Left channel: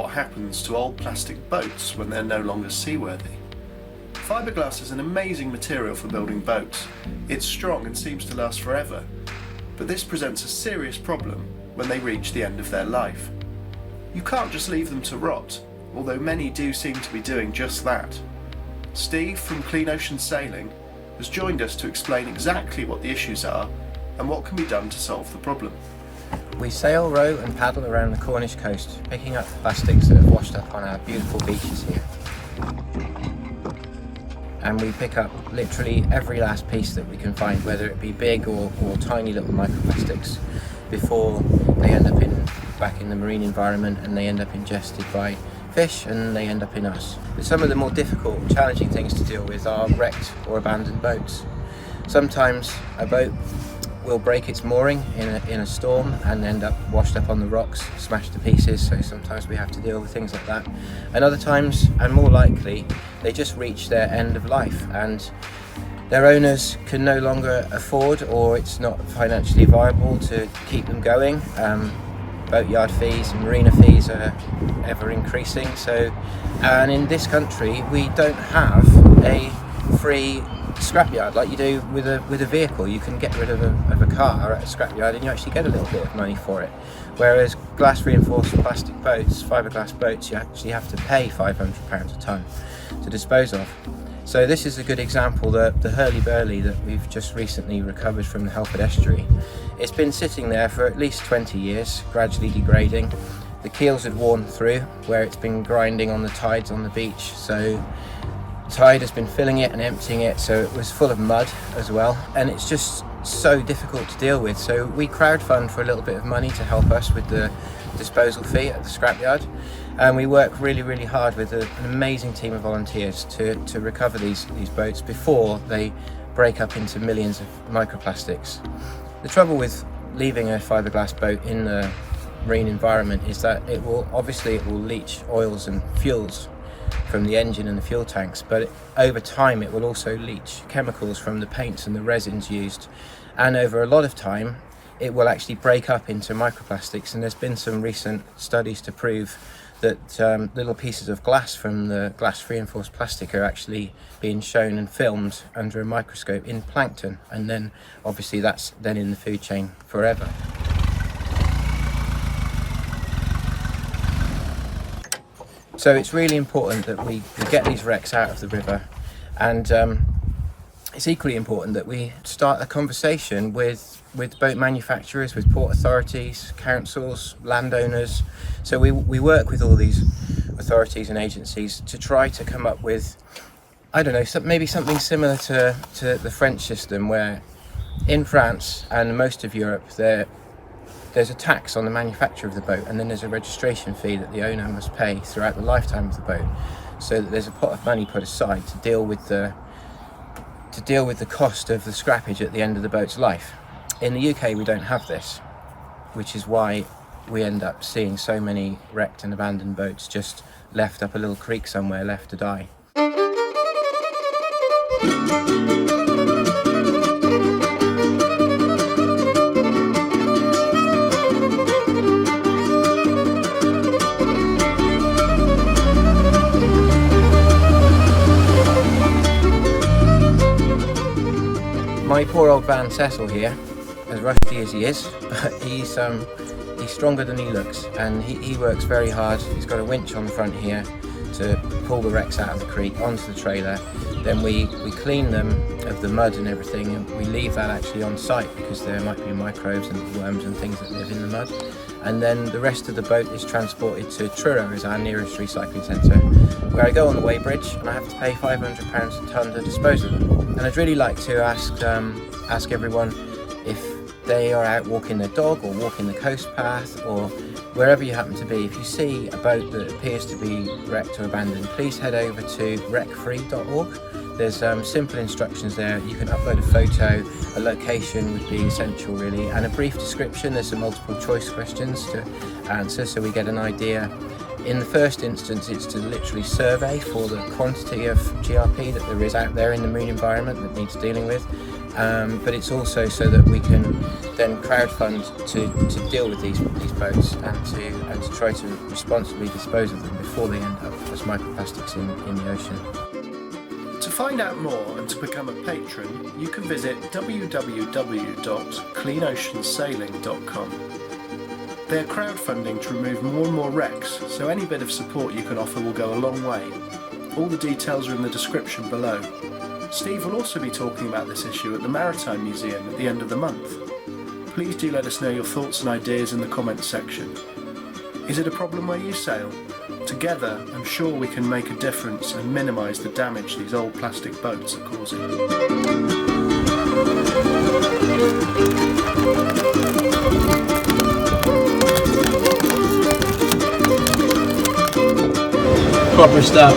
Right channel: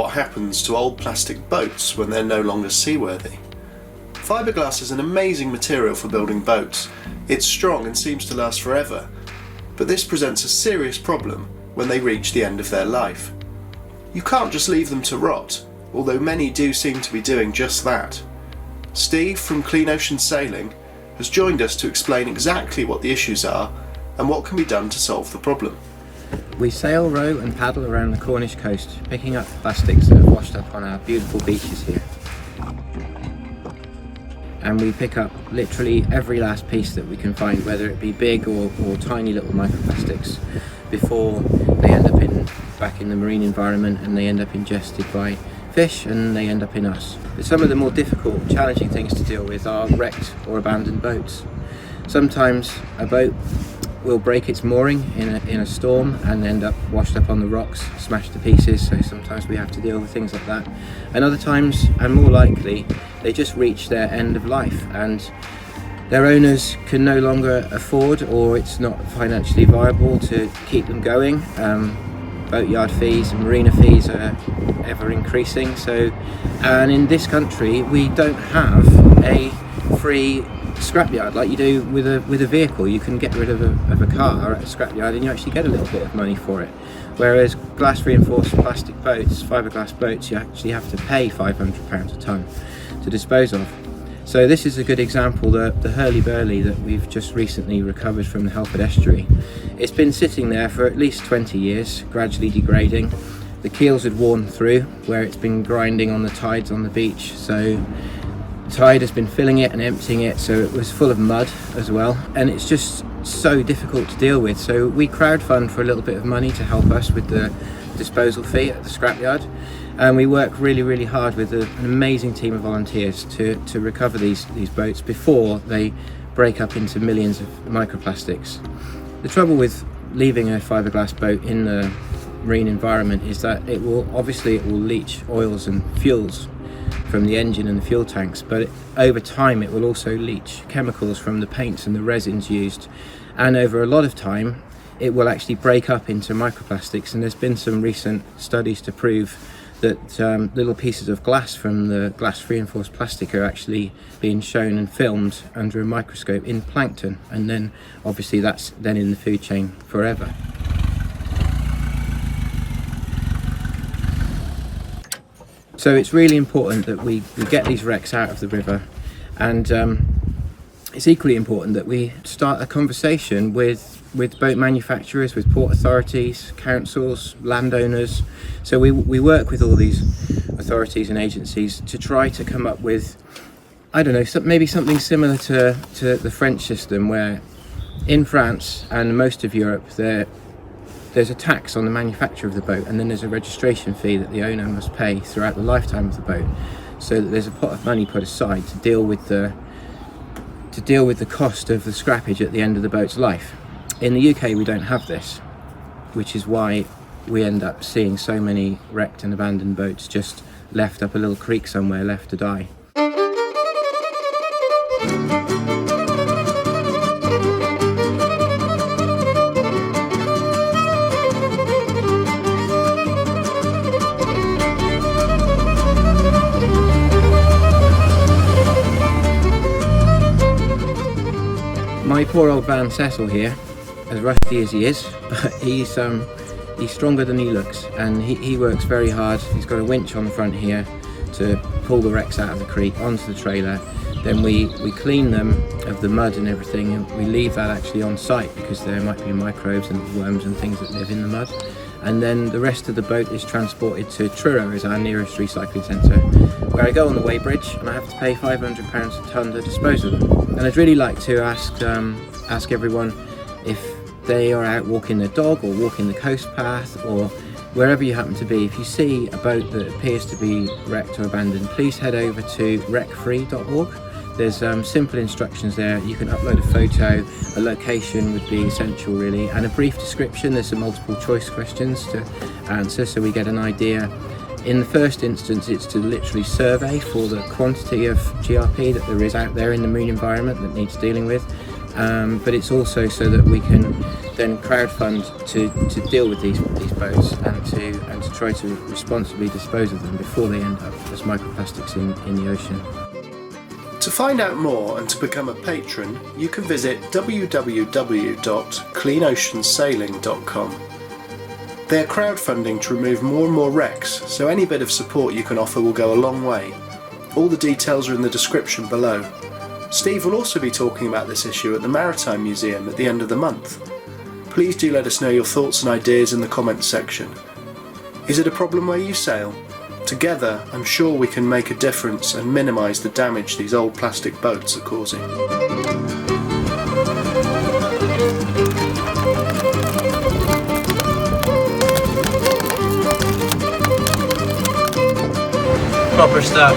what happens to old plastic boats when they're no longer seaworthy. Fiberglass is an amazing material for building boats. It's strong and seems to last forever, but this presents a serious problem when they reach the end of their life. You can't just leave them to rot, although many do seem to be doing just that. Steve from Clean Ocean Sailing has joined us to explain exactly what the issues are and what can be done to solve the problem. We sail, row and paddle around the Cornish coast, picking up plastics that have washed up on our beautiful beaches here. And we pick up literally every last piece that we can find, whether it be big or tiny little microplastics, before they end up back in the marine environment and they end up ingested by fish and they end up in us. But some of the more difficult, challenging things to deal with are wrecked or abandoned boats. Sometimes a boat will break its mooring in a storm and end up washed up on the rocks, smashed to pieces, so sometimes we have to deal with things like that. And other times, and more likely, they just reach their end of life and their owners can no longer afford, or it's not financially viable to keep them going. Boatyard fees and marina fees are ever increasing, and in this country we don't have a free scrapyard like you do with a vehicle. You can get rid of a car at a scrapyard and you actually get a little bit of money for it, whereas glass reinforced plastic boats, fiberglass boats, you actually have to pay £500 a tonne to dispose of. So this is a good example, the hurly-burly that we've just recently recovered from the Halcyon estuary. It's been sitting there for at least 20 years, gradually degrading. The keels had worn through where it's been grinding on the tides on the beach, so the tide has been filling it and emptying it, so it was full of mud as well, and it's just so difficult to deal with. So we crowdfund for a little bit of money to help us with the disposal fee at the scrapyard, and we work really hard with an amazing team of volunteers to recover these boats before they break up into millions of microplastics. The trouble with leaving a fiberglass boat in the marine environment is that it will leach oils and fuels from the engine and the fuel tanks, but over time it will also leach chemicals from the paints and the resins used, and over a lot of time it will actually break up into microplastics. And there's been some recent studies to prove that little pieces of glass from the glass reinforced plastic are actually being shown and filmed under a microscope in plankton, and then obviously that's then in the food chain forever. So it's really important that we get these wrecks out of the river, and it's equally important that we start a conversation with boat manufacturers, with port authorities, councils, landowners. So we work with all these authorities and agencies to try to come up with, I don't know, maybe something similar to the French system, where in France and most of Europe there's a tax on the manufacture of the boat, and then there's a registration fee that the owner must pay throughout the lifetime of the boat, so that there's a pot of money put aside to deal with the cost of the scrappage at the end of the boat's life. In the UK we don't have this, which is why we end up seeing so many wrecked and abandoned boats just left up a little creek somewhere, left to die. My poor old van Cecil here, as rusty as he is, he's stronger than he looks, and he works very hard. He's got a winch on the front here to pull the wrecks out of the creek onto the trailer. Then we clean them of the mud and everything, and we leave that actually on site because there might be microbes and worms and things that live in the mud. And then the rest of the boat is transported to Truro, as our nearest recycling centre, where I go on the weighbridge and I have to pay £500 a tonne to dispose of them. And I'd really like to ask everyone, if they are out walking their dog or walking the coast path or wherever you happen to be, if you see a boat that appears to be wrecked or abandoned, please head over to wreckfree.org. There's simple instructions there. You can upload a photo, a location would be essential really, and a brief description. There's some multiple choice questions to answer so we get an idea. In the first instance, it's to literally survey for the quantity of GRP that there is out there in the marine environment that needs dealing with. but it's also so that we can then crowdfund to deal with these boats and to try to responsibly dispose of them before they end up as microplastics in the ocean. To find out more and to become a patron, you can visit www.cleanoceansailing.com. They are crowdfunding to remove more and more wrecks, so any bit of support you can offer will go a long way. All the details are in the description below. Steve will also be talking about this issue at the Maritime Museum at the end of the month. Please do let us know your thoughts and ideas in the comments section. Is it a problem where you sail? Together, I'm sure we can make a difference and minimise the damage these old plastic boats are causing. Proper stuff.